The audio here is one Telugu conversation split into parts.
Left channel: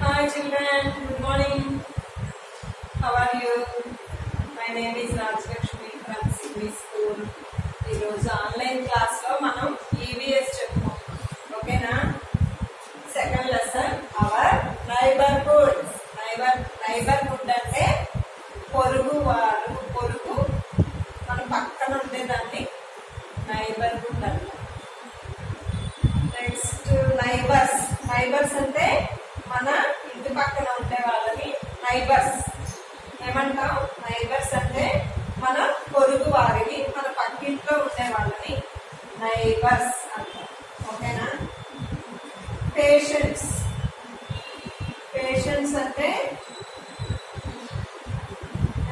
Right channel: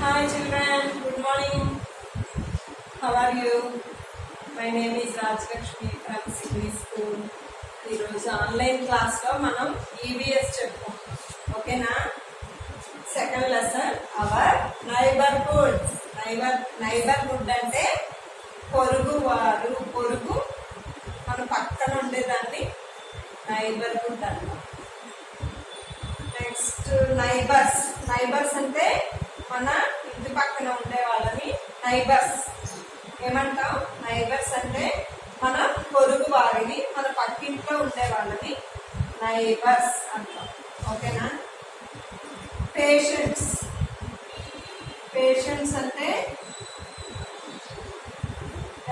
Hi children, good morning. How are you? My name is Rajlakshmi from Sydney School. ఈరోజు ఆన్లైన్ క్లాస్లో మనం ఈవీఎస్ చెప్పుకోం ఓకేనా. Second lesson hour neighbourhood. Neighbourhood అంటే పొరుగువారు, పొరుగు మన పక్కన ఉండేదాన్ని నైబర్హుడ్ అంటాం. నెక్స్ట్ నైబర్స్ అంటే మన ఇంటి పక్కన ఉండే వాళ్ళని నైబర్స్ ఏమంటాం. నైబర్స్ అంటే మన పొరుగు వారిని, మన పక్కింట్లో ఉండే వాళ్ళని నైబర్స్ అంటాం ఓకేనా. పేషెంట్స్ అంటే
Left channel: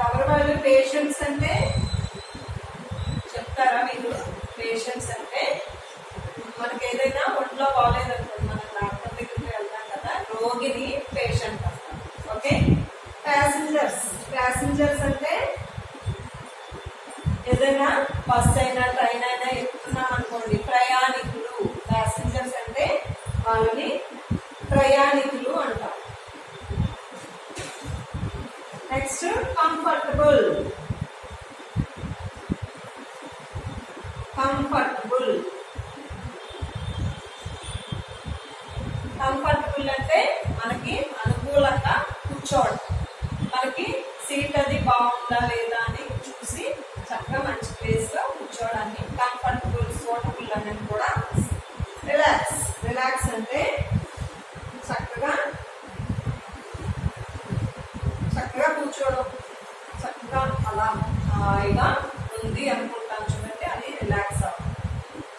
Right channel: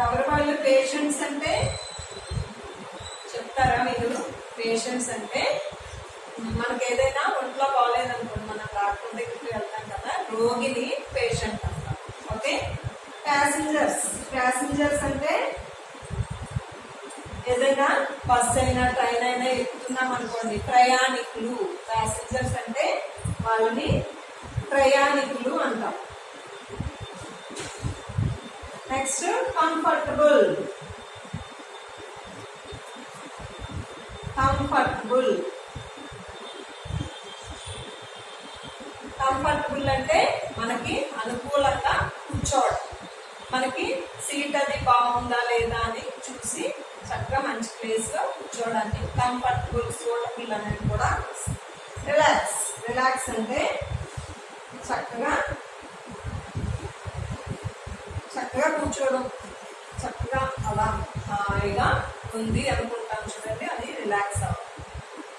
ఎవరు వాళ్ళు? పేషెంట్స్ అంటే చెప్తారా మీరు? పేషెంట్స్ అంటే మనకి ఏదైనా ఒంట్లో బాగాలేదనుకోండి, మనం డాక్టర్ దగ్గరికి వెళ్తాం కదా, రోగిని పేషెంట్ అంటాం ఓకే. ప్యాసింజర్స్ అంటే ఏదైనా బస్ అయినా ట్రైన్ అయినా ఎక్కుతున్నాం అనుకోండి, ప్రయాణికులు. ప్యాసింజర్స్ అంటే వాళ్ళని ప్రయాణికులు అంటాం. Next comfortable. కంఫర్టబుల్ అంటే మనకి అనుకూలంగా కూర్చోవడం, మనకి సీట్ అది బాగుందా లేదా అని చూసి చక్కగా మంచి ప్లేస్ లో కూర్చోవడాన్ని కంఫర్టబుల్, సూటబుల్ అనేది కూడా. రిలాక్స్ అంటే చక్కగా కూర్చోవడం, చక్కగా అలా హాయిగా ఉంది అనుకుంటాను చూడండి, అది రిలాక్స్ అవ్వడం,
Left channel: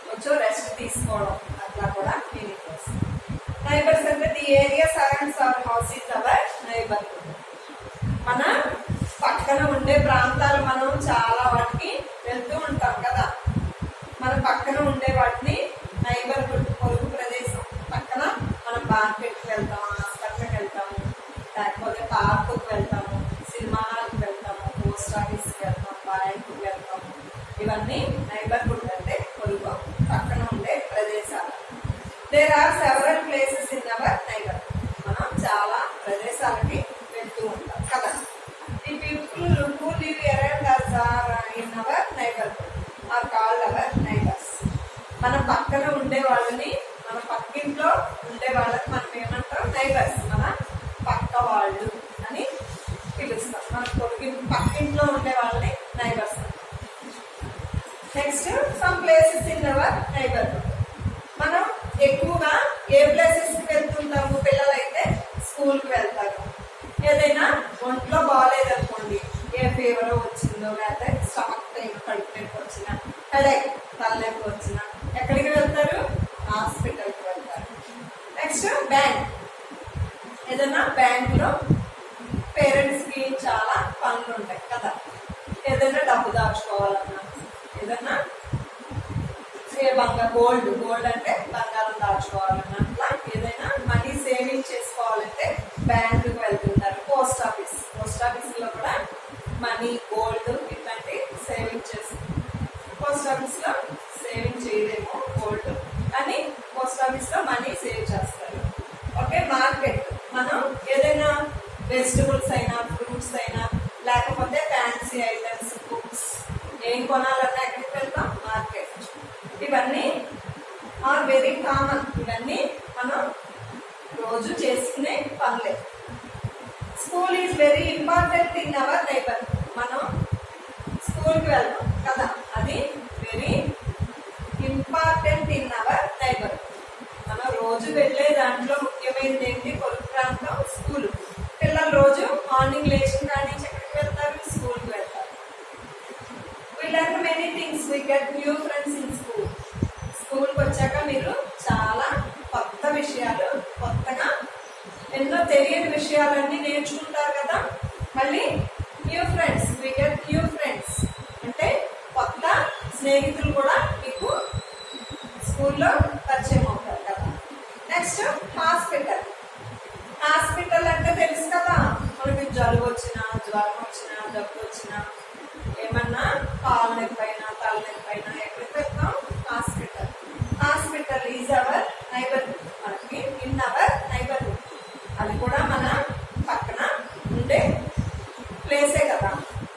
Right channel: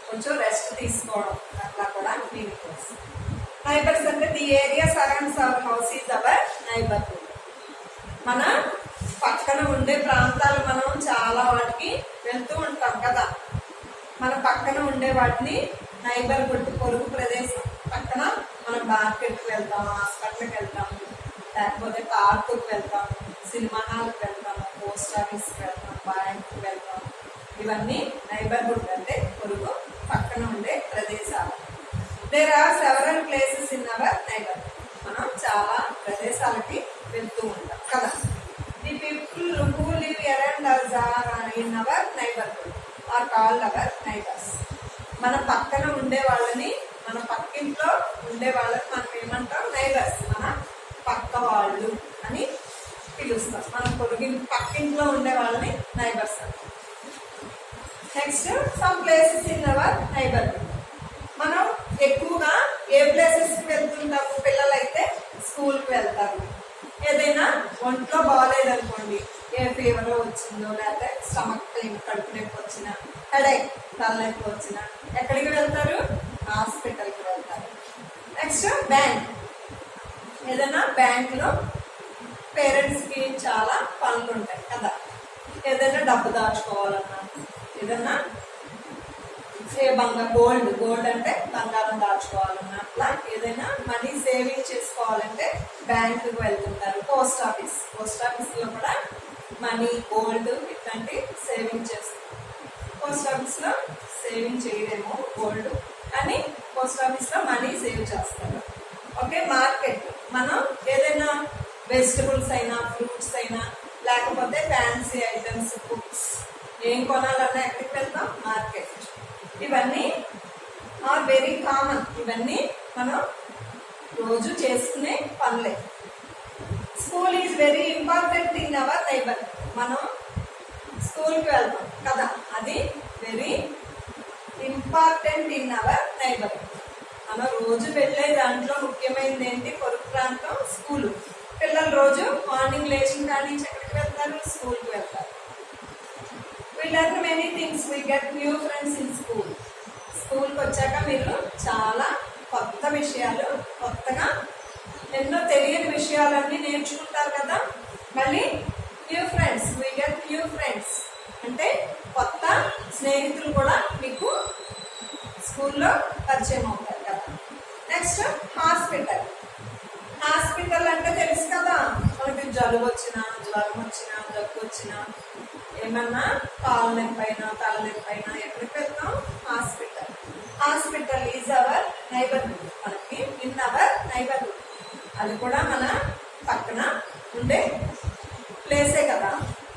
కొంచెం రెస్ట్ తీసుకోవడం, అట్లా కూడా మీనింగ్ వస్తుంది. నైబర్స్ అంటే the area surrounds our house is our neighbourhood. మన పక్కన ఉండే ప్రాంతాలు మనం చాలా వాటికి వెళ్తూ ఉంటాం కదా, మన పక్కన ఉండే వాటిని నైబర్హుడ్, పొరుగు ప్రదేశం. పక్కన మనం మార్కెట్కి వెళ్తాము, హాస్పిటల్కి వెళ్తాము, లేకపోతే పార్కుకి వెళ్తాము, సినిమా హాల్కి వెళ్తాము, పోస్ట్ ఆఫీస్కి వెళ్తాము, బ్యాంకుకి వెళ్తాము. ఇవన్నీ నైబర్హుడ్ అంటే పొరుగు, పక్కన ఉండే ప్రదేశాలు. There are several places in our neighbourhood. మనం చాలా ప్రదేశాలకి వెళ్తూ ఉంటాం కదా. The people who live around us are in our neighbourhood are called our neighbours. మన పక్కన ఉండే వాళ్ళని, మన పక్కింట్లో ఉండే వాళ్ళని మనం ఏమంటాం? నైబర్స్. మన పక్క వాళ్ళు అని పిలుస్తాం. మన పక్కింట్లో ఉండే వాళ్ళని నైబర్స్ అంటాం. Next some places in our neighbourhood. మనం ఎక్కువగా ఏ ప్లేసెస్కి వెళ్తుంటాము? పిల్లలైతే స్కూల్కి వెళ్తారు. ఏదైనా ఒంట్లో బాగాలేదనుకోండి, ఏ ఫీవర్ వచ్చిందో, లేకపోతే స్టమక్ పెయిన్, కడుపు నొప్పి వచ్చినా, హెడేక్, తలనొప్పి వచ్చినా ఎక్కడికి వెళ్తారు? హాస్పిటల్కి వెళ్తారు. Next bank. ఏదైనా బ్యాంకులో పేరెంట్స్కి చాలా పనులు ఉంటాయి కదా, ఏదైనా డబ్బు దాచుకోవాలన్నా, ఏదన్నా గోల్డ్ అంటే బంగారం దాచుకోవాలన్నా, అట్లా ఏదైనా మనీ సేవింగ్ చేసుకోవాలంటే బ్యాంకుకి వెళ్తుంటారు. పోస్ట్ ఆఫీస్లో కూడా మనీ, గోల్డ్ ఇట్లాంటి సేవింగ్ చేస్తారు. పోస్ట్ ఆఫీస్లో సేవింగ్ చేయలేము గోల్డ్, కానీ పోస్ట్ ఆఫీస్లో మనీ సేవ్ చేస్తారు ఓకే. మార్కెట్. మనం ఏదైనా వెజిటబుల్స్ అయినా, ఫ్రూట్స్ అయినా, లేకపోతే ఫ్యాన్సీ ఐటమ్స్, బుక్స్ ఏం కొనాలన్నా ఎక్కడికి వెళ్తాం? మార్కెట్. ఇవన్నీ ఆర్ వెరీ కామన్. ఇవన్నీ మనం రోజు చేసుకునే పనులే. School is very important in our neighbour. మనం స్కూల్కి వెళ్తాం కదా, అది very important in our neighbour. మనం రోజు వెళ్ళే దాంట్లో ముఖ్యమైనది ఏంటి? పొరుగు ప్రాంతం స్కూలు. పిల్లలు రోజు మార్నింగ్ లేచిన కానీ ఎక్కడికి వెళ్తారు? స్కూల్కి వెళ్తారు. We learn many things. We get new friends in school. స్కూల్కి వచ్చాక మీరు చాలా కొత్త విషయాలు, కొత్తగా ఎన్నో తెలియని విషయాలన్నీ నేర్చుకుంటారు కదా. మళ్ళీ new friends. we get new friends అంటే కొత్త స్నేహితులు కూడా మీకు స్కూల్లో పరిచయం అవుతారు కదా. నెక్స్ట్ హాస్పిటల్ అంటే తెలుసు కదా, మనకి జలుబు వచ్చినా, జ్వరం వచ్చినా, దగ్గు వచ్చినా, ఏమన్నా కాలు నొప్పి అయినా, తల నొప్పి అయినా ఎక్కడికి వెళ్తాం? Hospital is our neighbourhood. మనకి ఇన్ అవర్ నైబర్హుడ్ అది కూడా మన పక్కన ఉండే ప్లేసే కదా.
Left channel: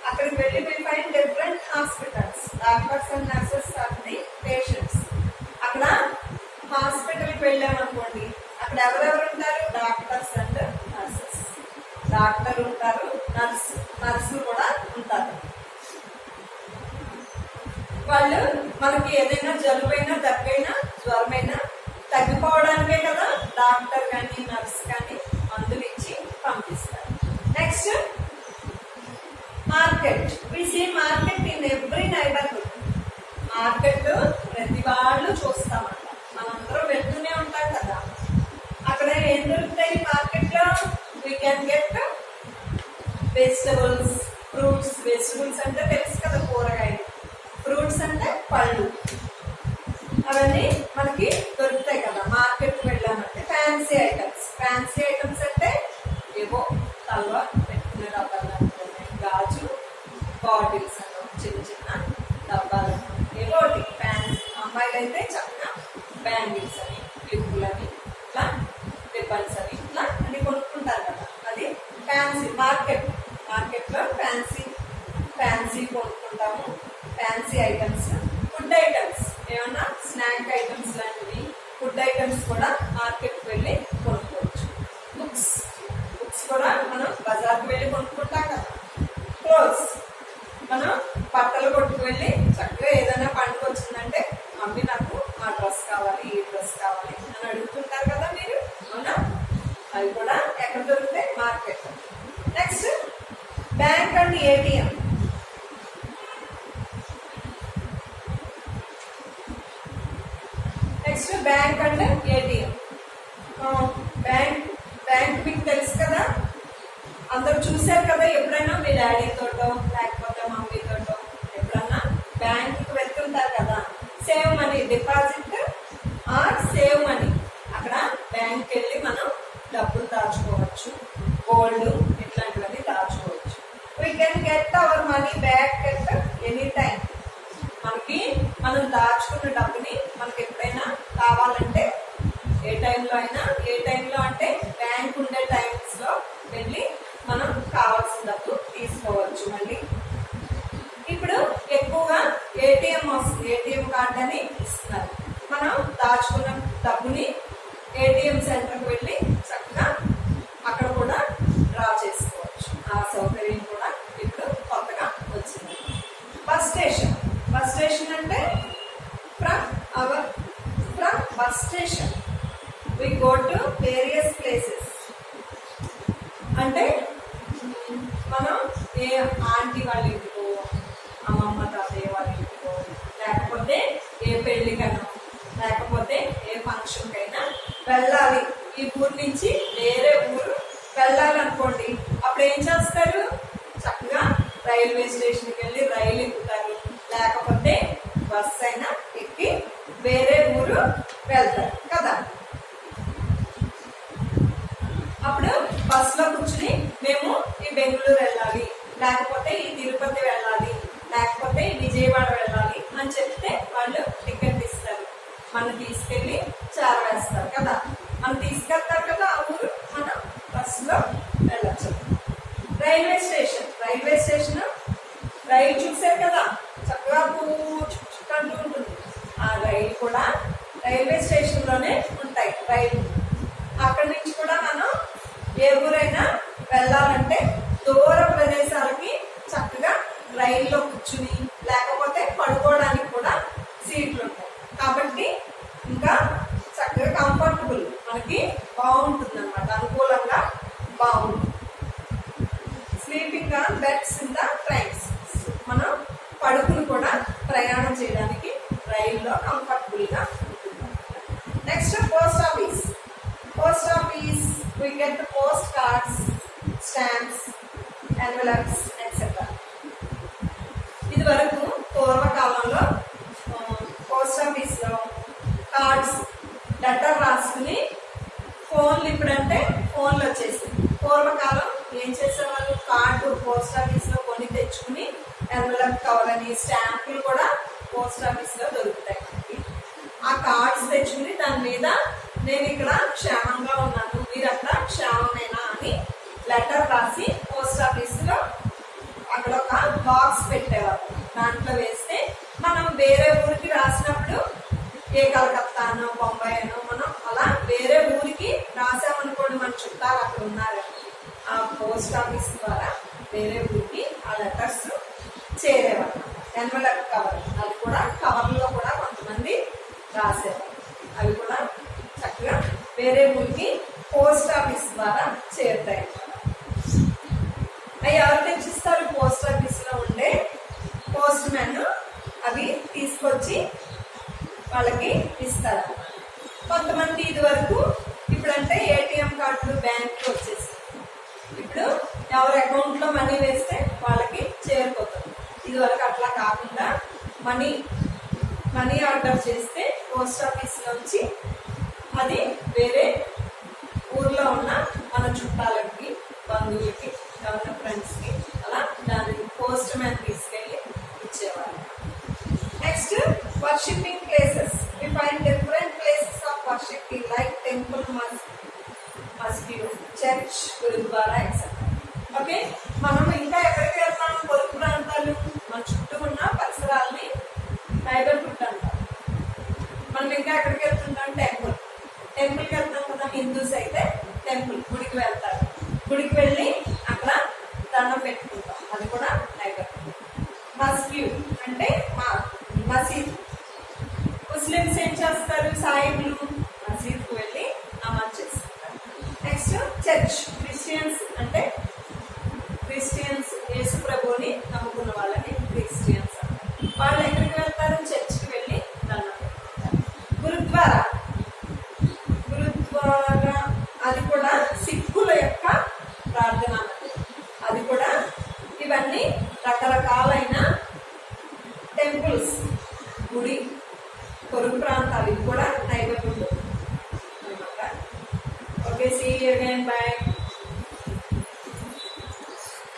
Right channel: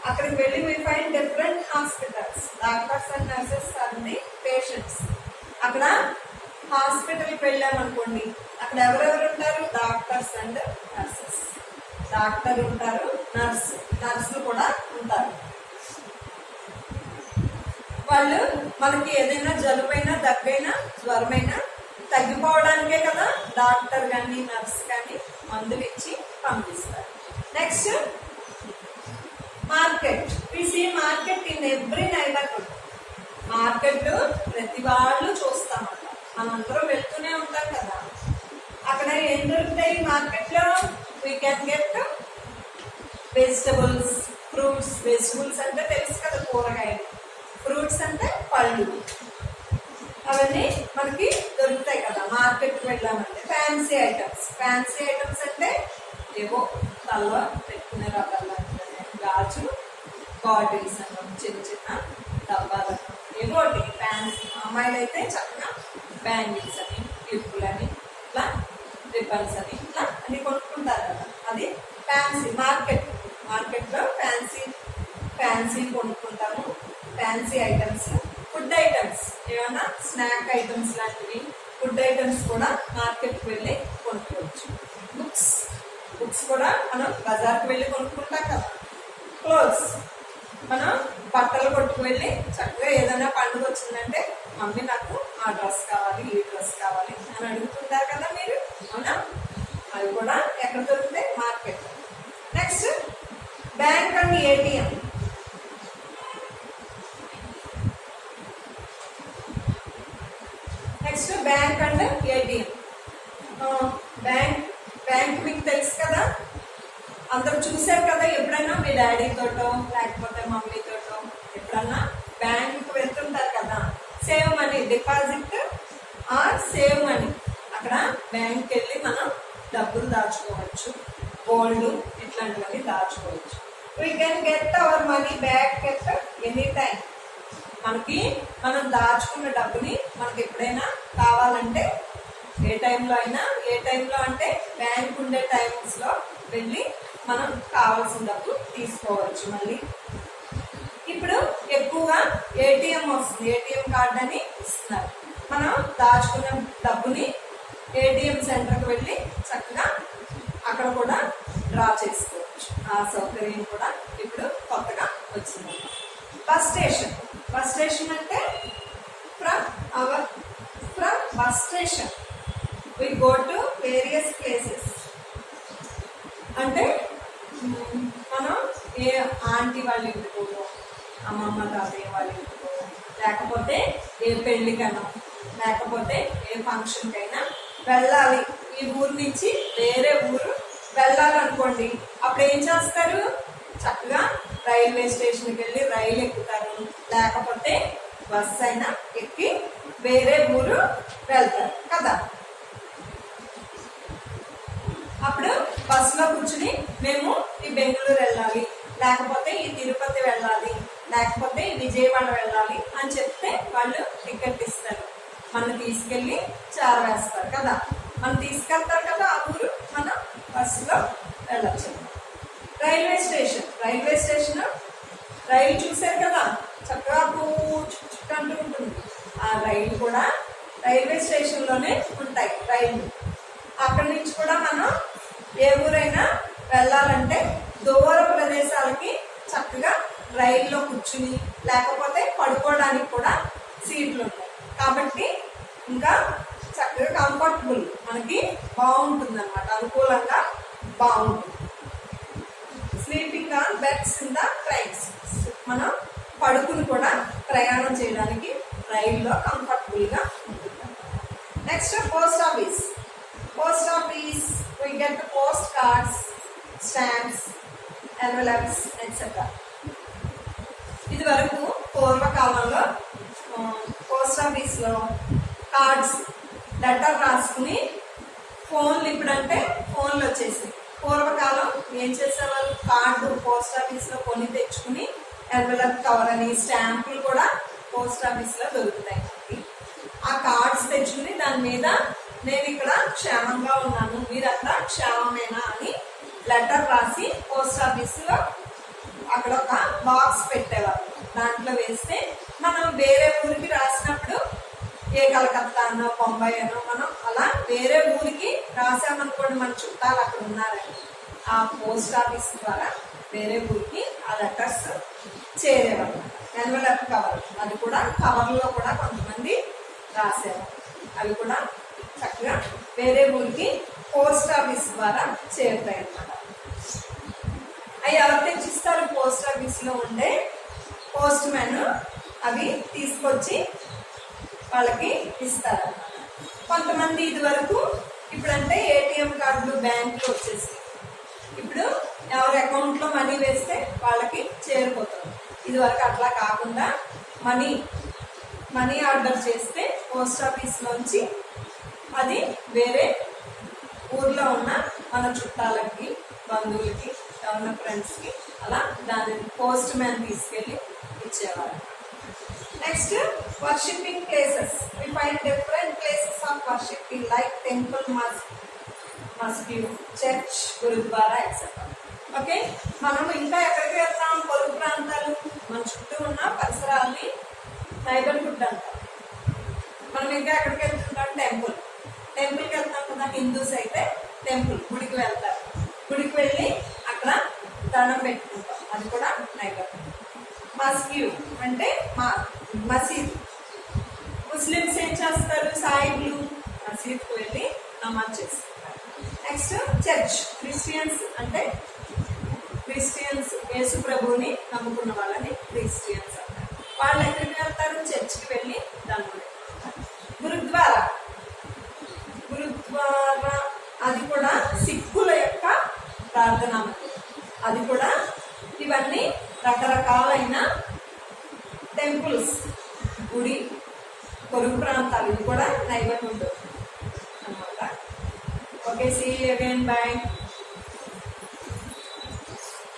అక్కడికి వెళ్ళి we find different hospitals, doctors and nurses are the patients. అక్కడ హాస్పిటల్కి వెళ్ళామనుకోండి, అక్కడ ఎవరెవరు ఉంటారు? Doctors and nurses. డాక్టర్ ఉంటారు, నర్సులు కూడా ఉంటారు. వాళ్ళు మనకి ఏదైనా జలుబైనా, దగ్గైనా, జ్వరమైనా తగ్గిపోవడానికే కదా డాక్టర్ కానీ నర్స్ కానీ మందులు ఇచ్చి పంపిస్తారు. Next market. We see market in every neighbourhood. Market ప్రతి వాళ్ళు చూస్తామట, మనందరం వెళ్తూనే ఉంటాం కదా. అక్కడ ఏం దొరుకుతాయి మార్కెట్లో? We can get vegetables, fruits. Vegetables అంటే తెలుసు కదా, కూరగాయలు. ఫ్రూట్స్ అంటే పళ్ళు. అవన్నీ మనకి దొరుకుతాయి కదా మార్కెట్కి వెళ్ళామంటే. Fancy items. ఫ్యాన్సీ ఐటమ్స్ అంటే ఏవో తల్ల పెట్టుకునే రకాలు అంటే గాజు బాటిల్స్ అన్న, చిన్న చిన్న డబ్బాలు, ఏవో ఒకటి ఫ్యాన్సీ. అమ్మాయిలు అయితే చక్కగా బ్యాంగిల్స్ అని, క్లిప్పులని, ఇట్లా రిబ్బన్స్ అని, ఇట్లా అన్ని కొనుక్కుంటారు కదా. అది ఫ్యాన్సీ మార్కెట్. మార్కెట్లో ఫ్యాన్సీ కొనుక్కుంటాము. Fancy items. ఫుడ్ ఐటమ్స్, ఏమన్నా స్నాక్ ఐటమ్స్ లాంటివి, ఫుడ్ ఐటమ్స్ కూడా మార్కెట్కి వెళ్ళి కొనుక్కోవచ్చు. బుక్స్ కూడా మనం బజార్కి వెళ్ళి కొనుక్కుంటాం కదా. క్లోత్స్, మనం బట్టలు కొట్టుకు వెళ్ళి చక్కగా ఏదైనా పండుగ వచ్చిందంటే మమ్మీ నాకు ఆ డ్రెస్ కావాలి, ఈ డ్రెస్ కావాలి అని అడుగుతుంటారు కదా మీరు, అవునా? అవి కూడా ఎక్కడ దొరుకుతాయి? Market. Next bank and ATM. Next bank and ATM. Bank మీకు తెలుసు కదా, అందరు చూశారు కదా. ఎప్పుడైనా మీ డాడీతోటో లేకపోతే మమ్మీతోటో ఎప్పుడన్నా బ్యాంకుకి వెళ్తుంటారు కదా. Save money, deposit or save money. అక్కడ బ్యాంక్కి వెళ్ళి మనం డబ్బులు దాచుకోవచ్చు, గోల్డ్ ఇట్లాంటివన్నీ దాచుకోవచ్చు. We can get our money back at any time. మనం దాచుకున్న డబ్బుని మనకి ఎప్పుడైనా కావాలంటే ఏ టైంలో అయినా, ఏ టైంలో అంటే బ్యాంక్ ఉండే టైమ్స్లో వెళ్ళి మనం కావాల్సిన డబ్బు తీసుకోవచ్చు మళ్ళీ. ఇప్పుడు ఎక్కువగా ఏటీఎం వస్తుంది, ఏటీఎం కార్డు అని ఇస్తున్నారు. మనం దాచుకున్న డబ్బుని ఏటీఎం సెంటర్కి వెళ్ళి చక్కగా అక్కడ కూడా డ్రా చేసుకోవచ్చు. ఆ సౌకర్యం కూడా ఇప్పుడు కొత్తగా వచ్చింది. Bus station. బస్ స్టేషన్ అంటే from bus station we go to various places. అంటే మనం ఏ ఆంటీ వాళ్ళ ఇంటికో, అమ్మమ్మ తాతయ్య వాళ్ళ ఇంటికో, లేకపోతే ఏ పెళ్ళికైనా, లేకపోతే ఏ ఫంక్షన్కైనా వెళ్ళాలి. ఈ ఊరు నుంచి వేరే ఊరు వెళ్ళాలనుకోండి, అప్పుడు ఏం చేస్తారు? చక్కగా రైల్వే స్టేషన్కి వెళ్ళి రైలు ఎక్కుతారు, లేకపోతే బస్ అయినా ఎక్కి వేరే ఊరు వెళ్తారు కదా. అప్పుడు బస్సులో కూర్చుని మేము ఈ బెంగళూరు వెళ్ళాలి, లేకపోతే ఈ తిరుపతి వెళ్ళాలి, లేకపోతే విజయవాడ వెళ్ళాలి అని చెప్తే వాళ్ళు టికెట్ ఇస్తారు. మనం తీసుకెళ్ళి చేరవేస్తారు కదా. మనం తీసుకెళ్తారు కదా ఆ ఊరు, మనం బస్సులో వెళ్ళచ్చు. Railway station. రైల్వే స్టేషన్ రైలు చూసారు కదా, చక్కగా చుట్టూ ఉంటుంది. ఆ రైలు కూడా రైల్వే స్టేషన్లోనే ఉంటాయి రైలు. అక్కడి నుంచి కూడా మనం ఏ ఊరైనా వెళ్ళాలంటే దూర ప్రదేశాలకి చక్కగా రైల్లో కూర్చుని, లేకపోతే పడుకోవడానికి కూడా సీట్లు ఉంటాయి. కాబట్టి ఇంకా చక్కగా కంఫర్టబుల్, మనకి బాగుంటుంది అన్నమాట, అనుకూలంగా బాగుంటుంది. Sleeping on beds in the trains. మనం పడుకుని కూడా ప్రయాణం చేయడానికి రైల్లో కంఫర్టబుల్గా ఉంటుంది. Next post office. Post office we get the post cards, stamps, envelopes, etc. ఇది వరకు పూర్వకాలంలో పోస్ట్ ఆఫీస్లో కార్డ్స్, లెటర్ రాసుకుని ఫోన్లు, ఇప్పుడంటే ఫోన్లు వచ్చేసి, పూర్వకాలం ఏం చేసేవారు? కార్డు పోస్ట్ ఆఫీస్లో కొని తెచ్చుకుని, ఎన్వలప్ కవర్ అని, స్టాంపులు కూడా పోస్ట్ ఆఫీస్లో దొరుకుతాయి. ఆ కార్డ్స్ తెచ్చుకుని దాని మీద నేను ఇక్కడ క్షేమంగా ఉన్నాను, మీరు అక్కడ క్షేమంగా లెటర్ రాసి పోస్ట్ ఆఫీస్లో అక్కడ ఒక బాక్స్ పెట్టేవారు. దాంట్లో వేస్తే మనం వేరే ఊరికి రాసినప్పుడు ఏ కలకత్తానో బొంబాయి అనో మనం అలా వేరే ఊరికి రాసామనుకోండి, మన చుట్టాలు అక్కడ ఉన్నారని ఆ పోస్ట్ ఆఫీస్ ద్వారా వేరే ఊరికి ఆ లెటర్స్ చేరేవారు. ఎన్వలప్ కవర్, అది కూడా కవర్లో కూడా కొంతమంది రాసేవారు. అవి కూడా చక్కగా వేరే ఊరికి పోస్ట్ ఆఫీస్ ద్వారా చేరుతాయి అన్నమాట. అవి ఎవరు తెచ్చిస్తారు? పోస్ట్ ఆఫీస్లో ఉండే పోస్ట్ మ్యాన్ అవి తీసుకొచ్చి వాళ్ళకి ఇస్తారు అన్నమాట. కొంతమంది ఇది వరకు ఇప్పుడంటే ఏటీఎం కార్డులు బ్యాంకులు వచ్చేసి ఇప్పుడు ఎవరి అకౌంట్లో మనీ వేస్తే వాళ్ళకి చేరిపోతుంది. ఇది వరకు అట్లా కాకుండా మనీ ఆర్డర్ చేస్తే పోస్ట్ ఆఫీస్లోంచి అది వేరే ఊర్లో ఉన్న మన చుట్టాలకి, బంధువులకి, ఎవరిన ఫ్రెండ్స్కి అలా దానిని పోస్ట్ మ్యాన్ తీసుకెళ్ళి ఇచ్చేవారు. Next, worshipping places. We find different places of worshipping like temple, మస్జిద్, చర్చ్, గురుద్వారా ఎక్సెట్రా. ఓకే, మనం ఇంకా ఎక్కడికి వెళ్తాం? పొరుగు ప్రాంతాలు, మన చుట్టూ ఉన్న పరిసరాలని నైబర్హుడ్ అంటాం. మనం ఇంకా ఎక్కడికి వెళ్తుంటాం? టెంపుల్కి వెళ్తాం కదా. హిందూస్ అయితే టెంపుల్, గుడికి వెళ్తారు. గుడికి వెళ్ళి అక్కడ దండం పెట్టుకుంటాం, అది కూడా నైబర్హుడ్. మస్జిద్ అంటే మసీద్. ముస్లిమ్స్ ఏం చేస్తారు? సాయిబ్లు మసీద్కు వెళ్ళి నమాజ్ చేసుకుంటారు. Next, church. క్రిస్టియన్స్ అంటే క్రిస్టియన్స్, యేసు ప్రభుని నమ్ముకున్న వాళ్ళని క్రిస్టియన్స్ అంటారు. వాళ్ళు ఎక్కడికి వెళ్తారు? చర్చ్కి వెళ్ళి దండం పెట్టుకుంటారు. గురుద్వారా అది కూడా సిక్కుల యొక్క ప్రార్థనా మందిరం. అది కూడా ఇవన్నీ రకరకాలైన టెంపుల్స్, గుడి, పొరుగు ప్రాంతాలు, ఇది కూడా నైబర్హుడ్ అన్నమాట. Okay, see you again, by.